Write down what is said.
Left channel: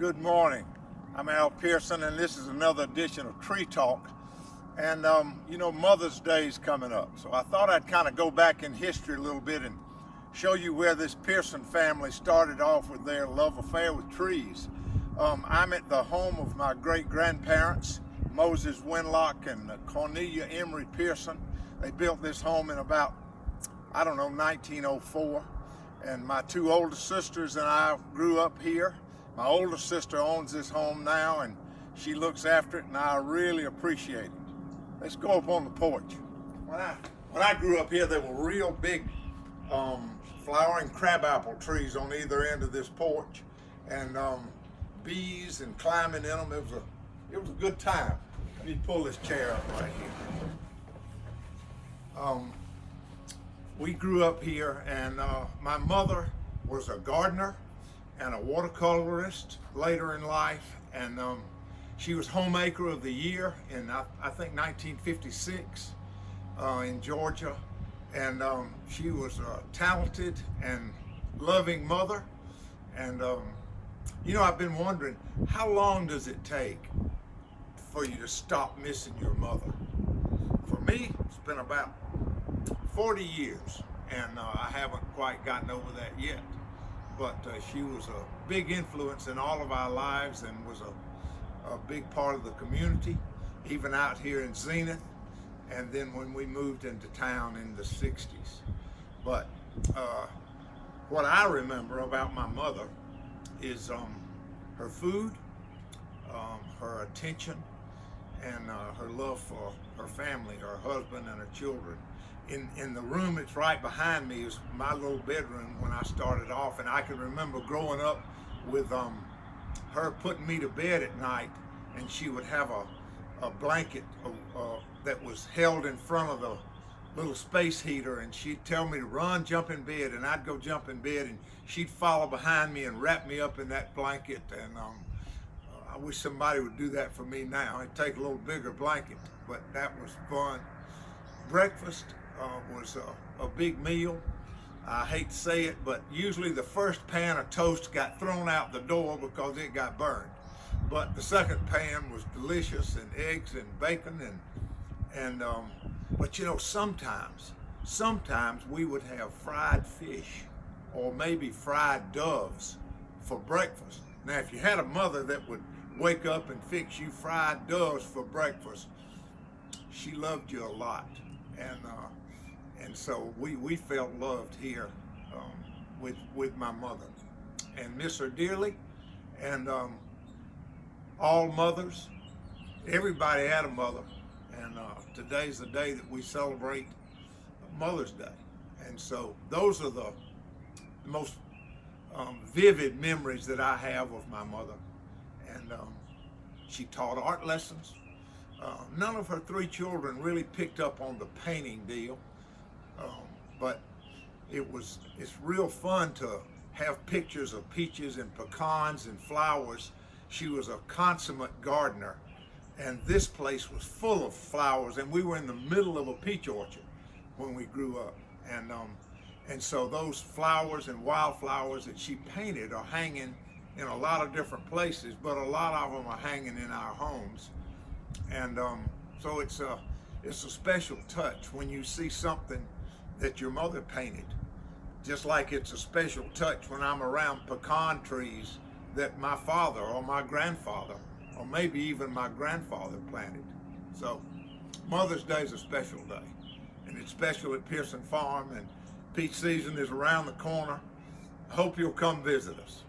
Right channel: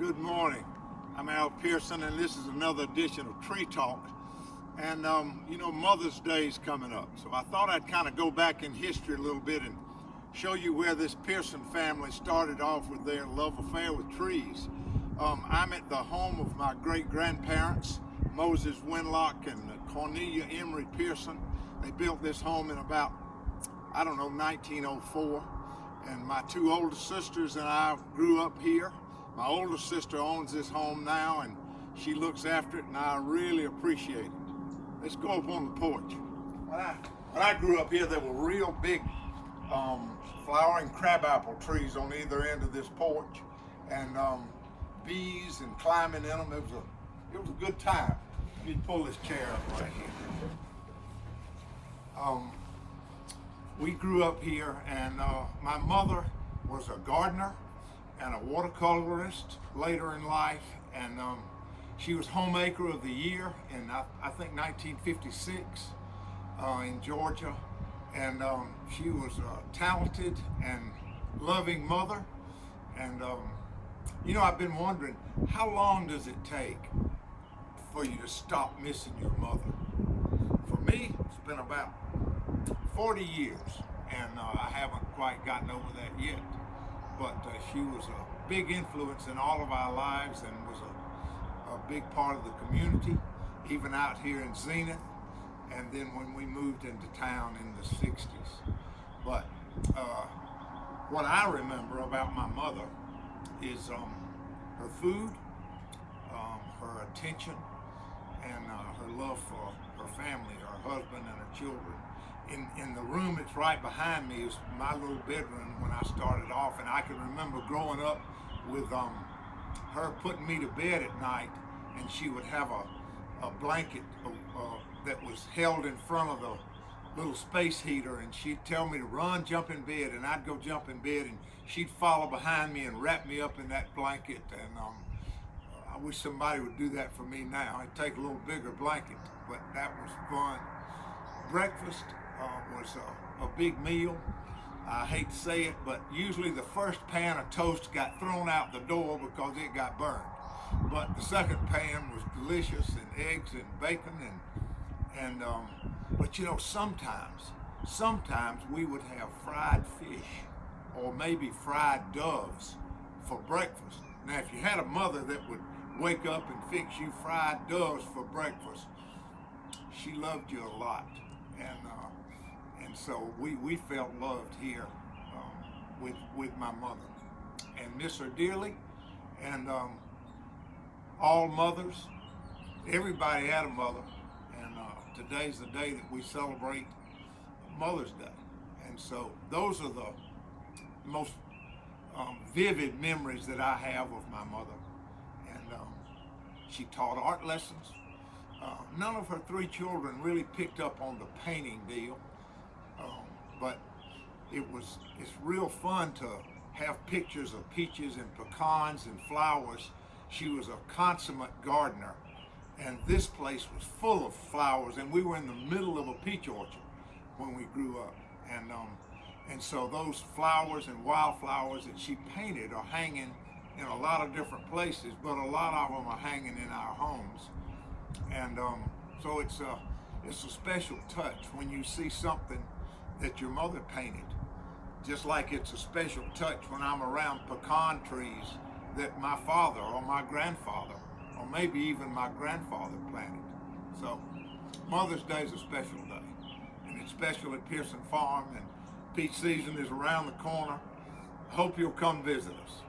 Good morning. I'm Al Pearson, and this is another edition of Tree Talk. And Mother's Day is coming up, so I thought I'd kind of go back in history a little bit and show you where this Pearson family started off with their love affair with trees. I'm at the home of my great-grandparents, Moses Winlock and Cornelia Emery Pearson. They built this home in about, 1904. And my two older sisters and I grew up here. My older sister owns this home now, and she looks after it, and I really appreciate it. Let's go up on the porch. When I grew up here, there were real big flowering crabapple trees on either end of this porch, and bees and climbing in them. It was a good time. Let me pull this chair up right here. We grew up here, and my mother was a gardener and a watercolorist later in life, and she was homemaker of the year in I think 1956 in Georgia, and she was a talented and loving mother. And I've been wondering, how long does it take for you to stop missing your mother? For me, it's been about 40 years, and I haven't quite gotten over that yet. But she was a big influence in all of our lives, and was a big part of the community, even out here in Zenith, and then when we moved into town in the 60s. But what I remember about my mother is her food, her attention, and her love for her family, her husband and her children. In the room that's right behind me is my little bedroom when I started off, and I can remember growing up with her putting me to bed at night, and she would have a blanket that was held in front of the little space heater, and she'd tell me to run, jump in bed, and I'd go jump in bed, and she'd follow behind me and wrap me up in that blanket. And I wish somebody would do that for me now. I'd take a little bigger blanket, but that was fun. Breakfast was a big meal. I hate to say it, but usually the first pan of toast got thrown out the door because it got burned. But the second pan was delicious, and eggs and bacon, but sometimes we would have fried fish or maybe fried doves for breakfast. Now, if you had a mother that would wake up and fix you fried doves for breakfast, she loved you a lot. And so we felt loved here with my mother, and miss her dearly. And all mothers, everybody had a mother, and today's the day that we celebrate Mother's Day. And so those are the most vivid memories that I have of my mother. And she taught art lessons. None of her three children really picked up on the painting deal, but it's real fun to have pictures of peaches and pecans and flowers. She was a consummate gardener, and this place was full of flowers, and we were in the middle of a peach orchard when we grew up. And so those flowers and wildflowers that she painted are hanging in a lot of different places, but a lot of them are hanging in our homes. And so it's a special touch when you see something that your mother painted, just like it's a special touch when I'm around pecan trees that my father or my grandfather or maybe even my grandfather planted. So Mother's Day is a special day, and it's special at Pearson Farm, and peach season is around the corner. I hope you'll come visit us.